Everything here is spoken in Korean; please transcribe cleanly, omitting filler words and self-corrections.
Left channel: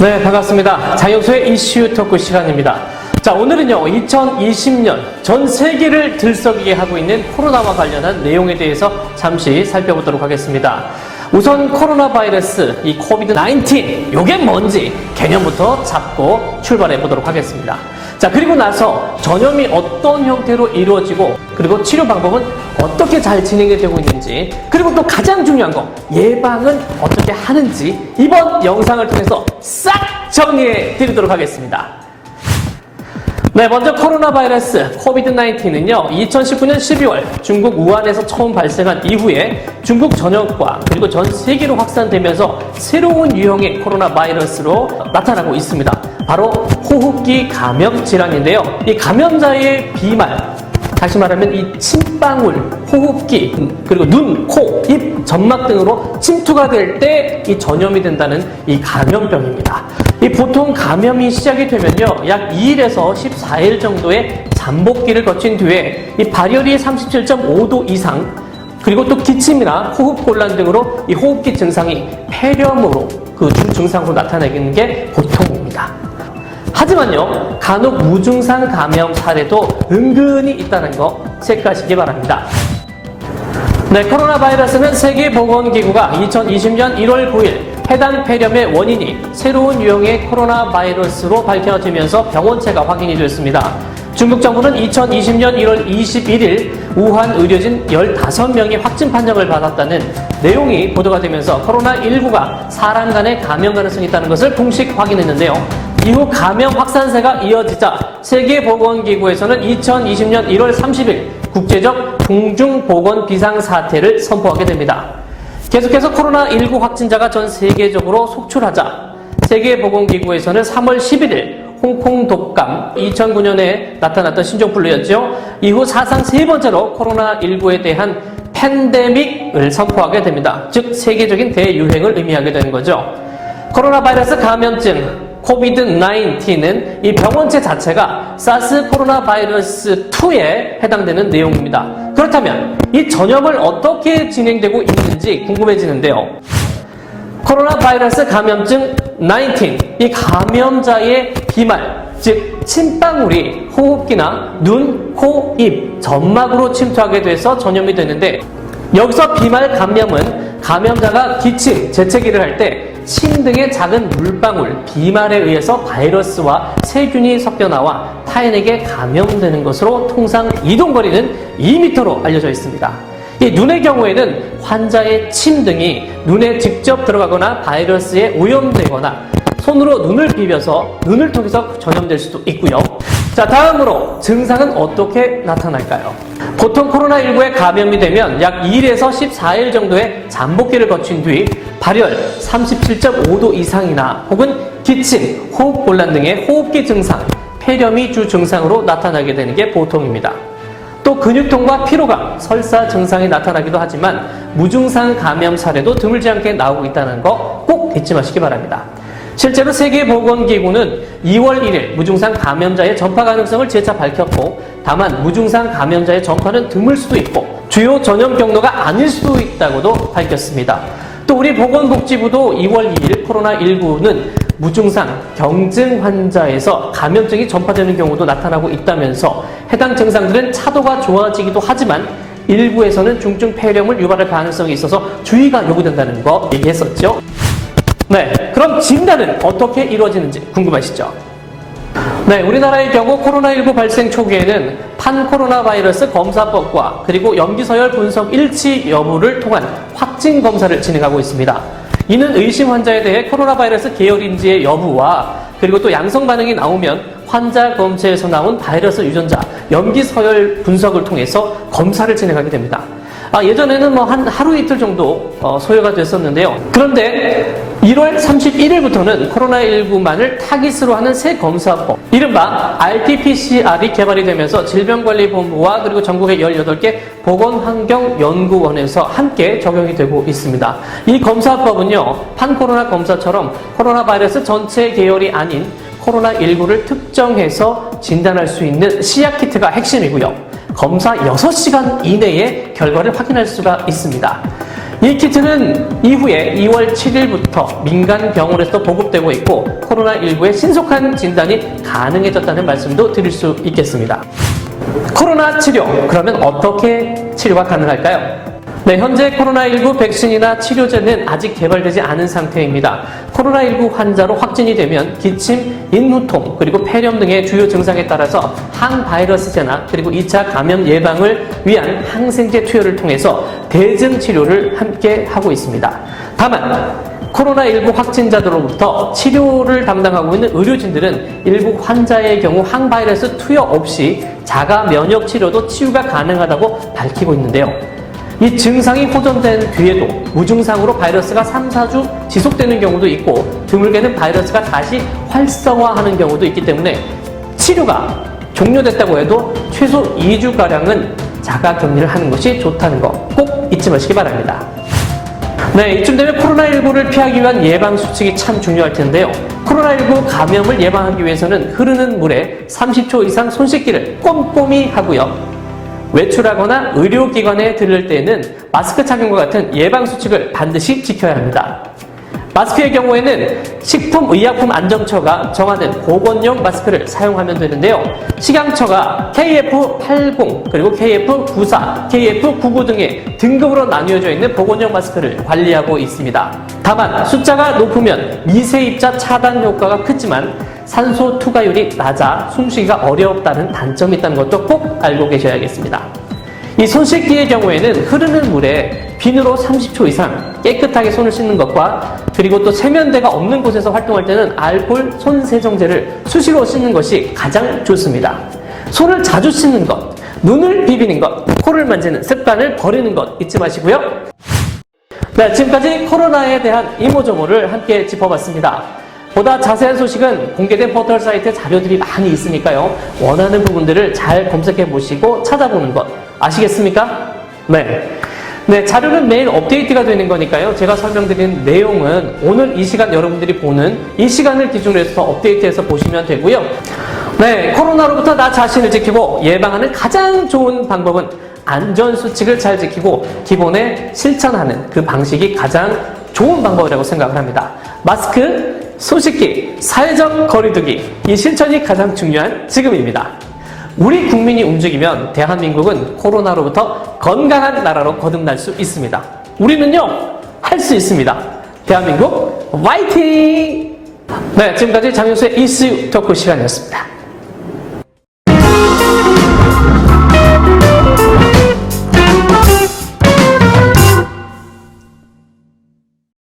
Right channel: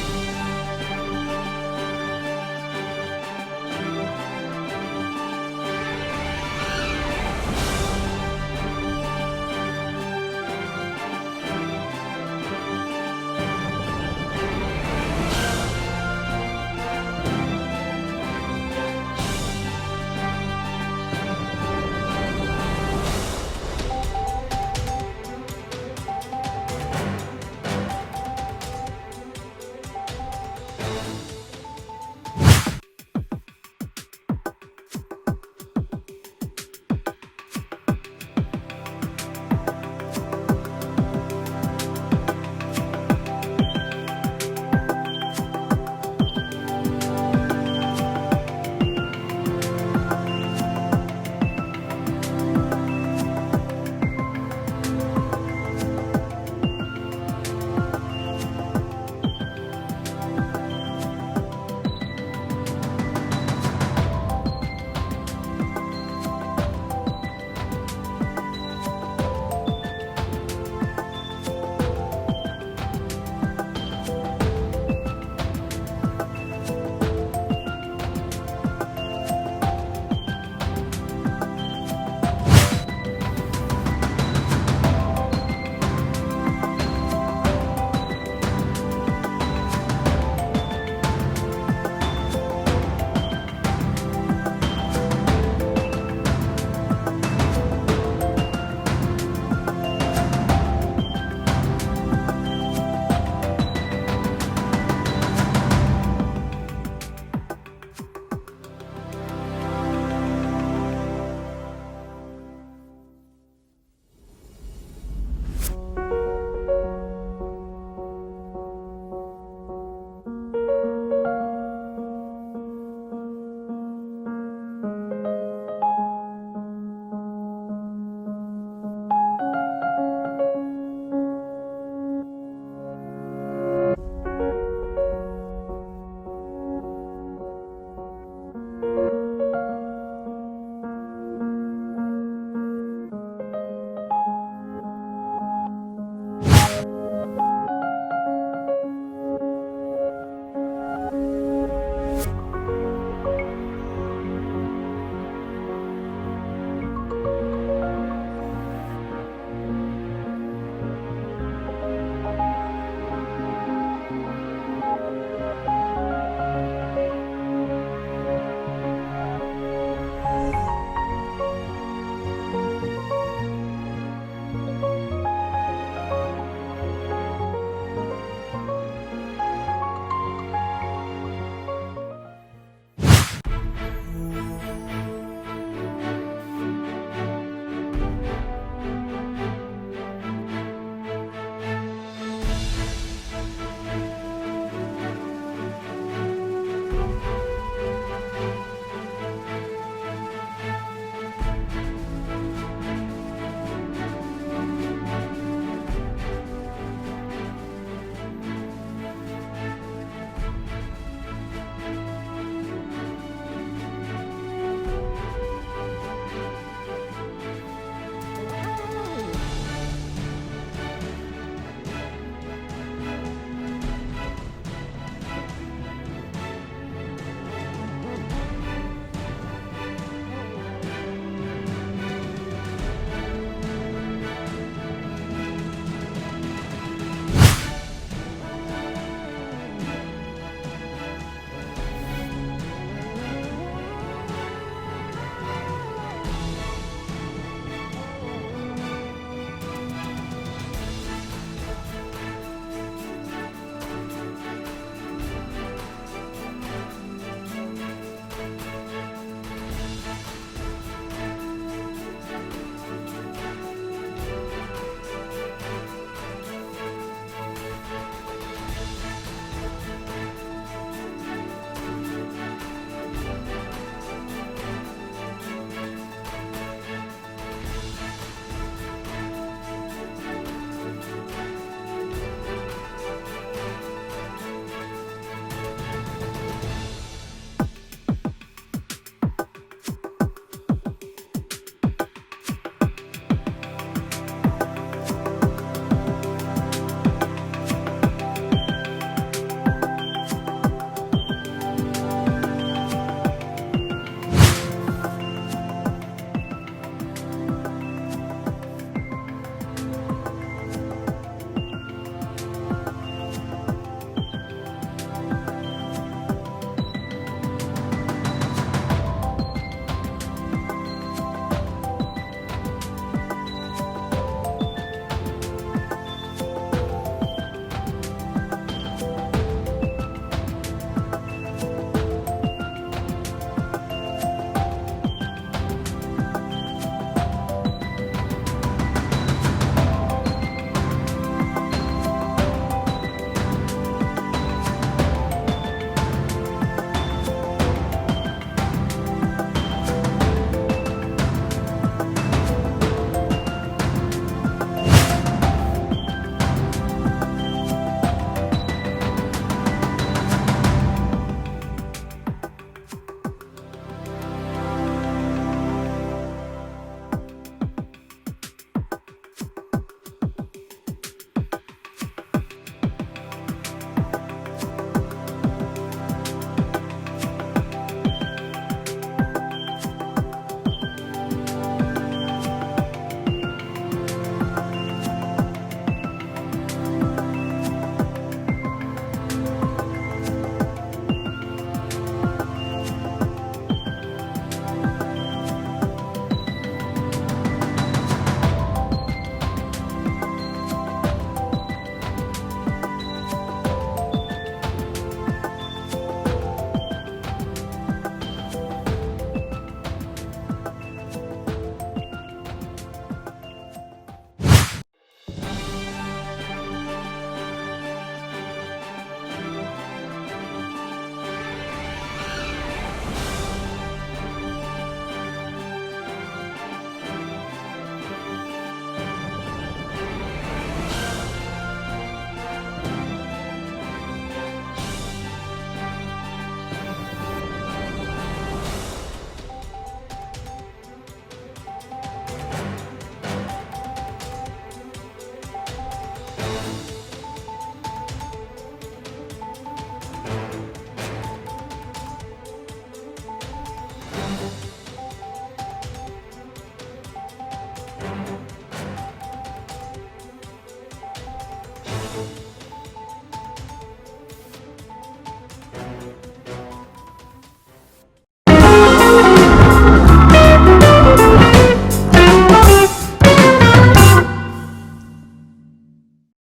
네, 반갑습니다. 장영수의 이슈 토크 시간입니다. 자, 오늘은요, 2020년 전 세계를 들썩이게 하고 있는 코로나와 관련한 내용에 대해서 잠시 살펴보도록 하겠습니다. 우선 코로나 바이러스, 이 코비드-19, 요게 뭔지 개념부터 잡고 출발해 보도록 하겠습니다. 자, 그리고 나서 전염이 어떤 형태로 이루어지고, 그리고 치료 방법은 어떻게 잘 진행이 되고 있는지, 그리고 또 가장 중요한 거, 예방은 어떻게 하는지 이번 영상을 통해서 싹 정리해 드리도록 하겠습니다. 네, 먼저 코로나 바이러스 코비드-19은요, 2019년 12월 중국 우한에서 처음 발생한 이후에 중국 전역과 그리고 전 세계로 확산되면서 새로운 유형의 코로나 바이러스로 나타나고 있습니다. 바로 호흡기 감염 질환인데요. 이 감염자의 비말, 다시 말하면 이 침방울, 호흡기, 그리고 눈, 코, 입, 점막 등으로 침투가 될 때 이 전염이 된다는 이 감염병입니다. 이 보통 감염이 시작이 되면요, 약 2일에서 14일 정도의 잠복기를 거친 뒤에 이 발열이 37.5도 이상, 그리고 또 기침이나 호흡곤란 등으로 이 호흡기 증상이 폐렴으로 그 중증상으로 나타나는 게 보통입니다. 하지만요, 간혹 무증상 감염 사례도 은근히 있다는 거 체크하시기 바랍니다. 네, 코로나 바이러스는 세계보건기구가 2020년 1월 9일 해당 폐렴의 원인이 새로운 유형의 코로나 바이러스로 밝혀지면서 병원체가 확인이 됐습니다. 중국 정부는 2020년 1월 21일 우한 의료진 15명이 확진 판정을 받았다는 내용이 보도가 되면서 코로나19가 사람 간의 감염 가능성이 있다는 것을 공식 확인했는데요. 이후 감염 확산세가 이어지자 세계보건기구에서는 2020년 1월 30일 국제적 공중보건 비상사태를 선포하게 됩니다. 계속해서 코로나19 확진자가 전 세계적으로 속출하자 세계보건기구에서는 3월 11일 홍콩 독감, 2009년에 나타났던 신종플루였죠. 이후 사상 세 번째로 코로나19에 대한 팬데믹을 선포하게 됩니다. 즉 세계적인 대유행을 의미하게 되는 거죠. 코로나 바이러스 감염증 코비드-19은 이 병원체 자체가 사스 코로나 바이러스 2에 해당되는 내용입니다. 그렇다면 이 전염을 어떻게 진행되고 있는지 궁금해지는데요. 코로나 바이러스 감염증 19, 이 감염자의 비말, 즉 침방울이 호흡기나 눈, 코, 입, 점막으로 침투하게 돼서 전염이 되는데, 여기서 비말 감염은 감염자가 기침, 재채기를 할 때 침 등의 작은 물방울, 비말에 의해서 바이러스와 세균이 섞여 나와 타인에게 감염되는 것으로 통상 이동거리는 2m로 알려져 있습니다. 이 눈의 경우에는 환자의 침 등이 눈에 직접 들어가거나 바이러스에 오염되거나 손으로 눈을 비벼서 눈을 통해서 전염될 수도 있고요. 자, 다음으로 증상은 어떻게 나타날까요? 보통 코로나19에 감염이 되면 약 2일에서 14일 정도의 잠복기를 거친 뒤 발열 37.5도 이상이나 혹은 기침, 호흡곤란 등의 호흡기 증상, 폐렴이 주 증상으로 나타나게 되는 게 보통입니다. 또 근육통과 피로감, 설사 증상이 나타나기도 하지만 무증상 감염 사례도 드물지 않게 나오고 있다는 거 꼭 잊지 마시기 바랍니다. 실제로 세계보건기구는 2월 1일 무증상 감염자의 전파 가능성을 재차 밝혔고, 다만 무증상 감염자의 전파는 드물 수도 있고 주요 전염 경로가 아닐 수도 있다고도 밝혔습니다. 또 우리 보건복지부도 2월 2일 코로나19는 무증상 경증 환자에서 감염증이 전파되는 경우도 나타나고 있다면서 해당 증상들은 차도가 좋아지기도 하지만 일부에서는 중증 폐렴을 유발할 가능성이 있어서 주의가 요구된다는 거 얘기했었죠. 네, 그럼 진단은 어떻게 이루어지는지 궁금하시죠? 네, 우리나라의 경우 코로나19 발생 초기에는 판코로나 바이러스 검사법과 그리고 염기서열 분석 일치 여부를 통한 확진 검사를 진행하고 있습니다. 이는 의심 환자에 대해 코로나 바이러스 계열인지의 여부와 그리고 또 양성 반응이 나오면 환자 검체에서 나온 바이러스 유전자 염기서열 분석을 통해서 검사를 진행하게 됩니다. 예전에는 한 하루 이틀 정도 소요가 됐었는데요. 그런데 1월 31일부터는 코로나19만을 타깃으로 하는 새 검사법, 이른바 RT-PCR이 개발이 되면서 질병관리본부와 그리고 전국의 18개 보건환경연구원에서 함께 적용이 되고 있습니다. 이 검사법은요, 판코로나 검사처럼 코로나 바이러스 전체 계열이 아닌 코로나19를 특정해서 진단할 수 있는 CR키트가 핵심이고요. 검사 6시간 이내에 결과를 확인할 수가 있습니다. 이 키트는 이후에 2월 7일부터 민간 병원에서 보급되고 있고 코로나19의 신속한 진단이 가능해졌다는 말씀도 드릴 수 있겠습니다. 코로나 치료, 그러면 어떻게 치료가 가능할까요? 네, 현재 코로나19 백신이나 치료제는 아직 개발되지 않은 상태입니다. 코로나19 환자로 확진이 되면 기침, 인후통, 그리고 폐렴 등의 주요 증상에 따라서 항바이러스제나 그리고 2차 감염 예방을 위한 항생제 투여를 통해서 대증 치료를 함께 하고 있습니다. 다만 코로나19 확진자들로부터 치료를 담당하고 있는 의료진들은 일부 환자의 경우 항바이러스 투여 없이 자가 면역 치료도 치유가 가능하다고 밝히고 있는데요. 이 증상이 호전된 뒤에도 무증상으로 바이러스가 3, 4주 지속되는 경우도 있고 드물게는 바이러스가 다시 활성화하는 경우도 있기 때문에 치료가 종료됐다고 해도 최소 2주가량은 자가 격리를 하는 것이 좋다는 거 꼭 잊지 마시기 바랍니다. 네, 이쯤 되면 코로나19를 피하기 위한 예방수칙이 참 중요할 텐데요. 코로나19 감염을 예방하기 위해서는 흐르는 물에 30초 이상 손 씻기를 꼼꼼히 하고요. 외출하거나 의료기관에 들를 때에는 마스크 착용과 같은 예방수칙을 반드시 지켜야 합니다. 마스크의 경우에는 식품의약품안정처가 정하는 보건용 마스크를 사용하면 되는데요. 식약처가 KF80 그리고 KF94, KF99 등의 등급으로 나뉘어져 있는 보건용 마스크를 관리하고 있습니다. 다만 숫자가 높으면 미세입자 차단 효과가 크지만 산소 투과율이 낮아 숨쉬기가 어렵다는 단점이 있다는 것도 꼭 알고 계셔야겠습니다. 이 손 씻기의 경우에는 흐르는 물에 비누로 30초 이상 깨끗하게 손을 씻는 것과 그리고 또 세면대가 없는 곳에서 활동할 때는 알코올 손 세정제를 수시로 씻는 것이 가장 좋습니다. 손을 자주 씻는 것, 눈을 비비는 것, 코를 만지는 습관을 버리는 것 잊지 마시고요. 네, 지금까지 코로나에 대한 이모저모를 함께 짚어봤습니다. 보다 자세한 소식은 공개된 포털 사이트에 자료들이 많이 있으니까요. 원하는 부분들을 잘 검색해 보시고 찾아보는 것 아시겠습니까? 네, 자료는 매일 업데이트가 되는 거니까요. 제가 설명드린 내용은 오늘 이 시간 여러분들이 보는 이 시간을 기준으로 해서 업데이트해서 보시면 되고요. 네, 코로나로부터 나 자신을 지키고 예방하는 가장 좋은 방법은 안전수칙을 잘 지키고 기본에 실천하는 그 방식이 가장 좋은 방법이라고 생각을 합니다. 마스크, 손 씻기, 사회적 거리두기, 이 실천이 가장 중요한 지금입니다. 우리 국민이 움직이면 대한민국은 코로나로부터 건강한 나라로 거듭날 수 있습니다. 우리는요, 할 수 있습니다. 대한민국 화이팅! 네, 지금까지 장윤수의 이슈 토크 시간이었습니다.